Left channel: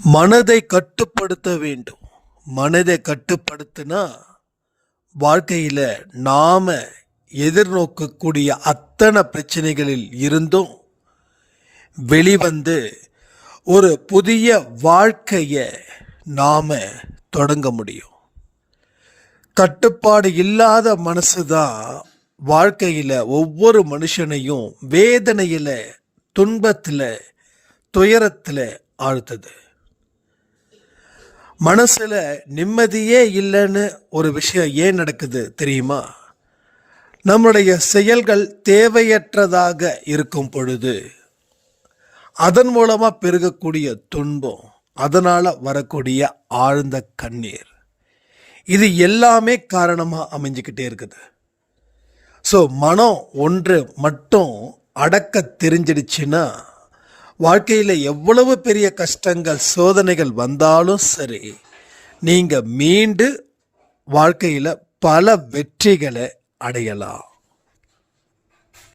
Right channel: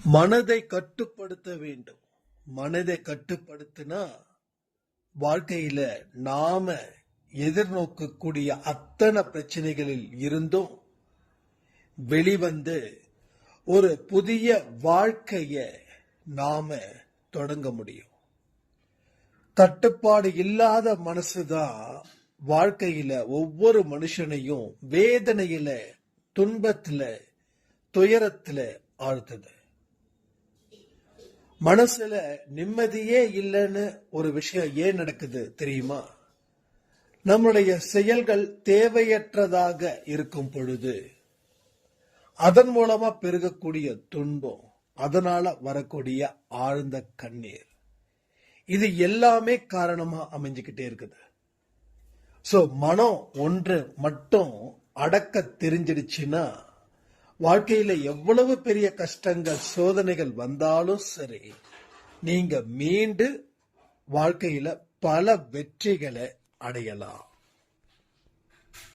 மனதை கட்டுப்படுத்த வேண்டும். மனதை கட்டுப்படுத்தினா வாழ்க்கையில் நாம் எதிர்நோக்கக்கூடிய அத்தனை பிரச்சனைகளில் இருந்தும் வெளிவந்து ஒரு புதிய வாழ்க்கையை நாம் தொடங்க முடியும். கட்டுப்பாடு இல்லாத மனசு தான் வாழ்க்கையில் ஒவ்வொரு மனுஷனையும் வேதனையில், துன்பத்தில், துயரத்தில் ஆழ்த்துது. மனசுல நிம்மதியே இல்லைன்னு ஒரு விஷயம் ஏன் நடக்குது தெரியுமா? நம்முடைய செயல்கள் தேவையற்றதாக இருக்கும் பொழுது அதன் மூலமா பெருகக்கூடிய துன்பம், அதனால வரக்கூடிய ஆழ்ந்த கண்ணீர், இது எல்லாமே காரணமா அமைஞ்சுக்கிட்டே இருக்குது. ஸோ மனம் ஒன்று மட்டும் அடக்க தெரிஞ்சிடுச்சுன்னா வாழ்க்கையில் எவ்வளவு பெரிய கஷ்டங்கள், சோதனைகள் வந்தாலும் சரி, நீங்கள் மீண்டு வாழ்க்கையில் பல வெற்றிகளை அடையலாம்.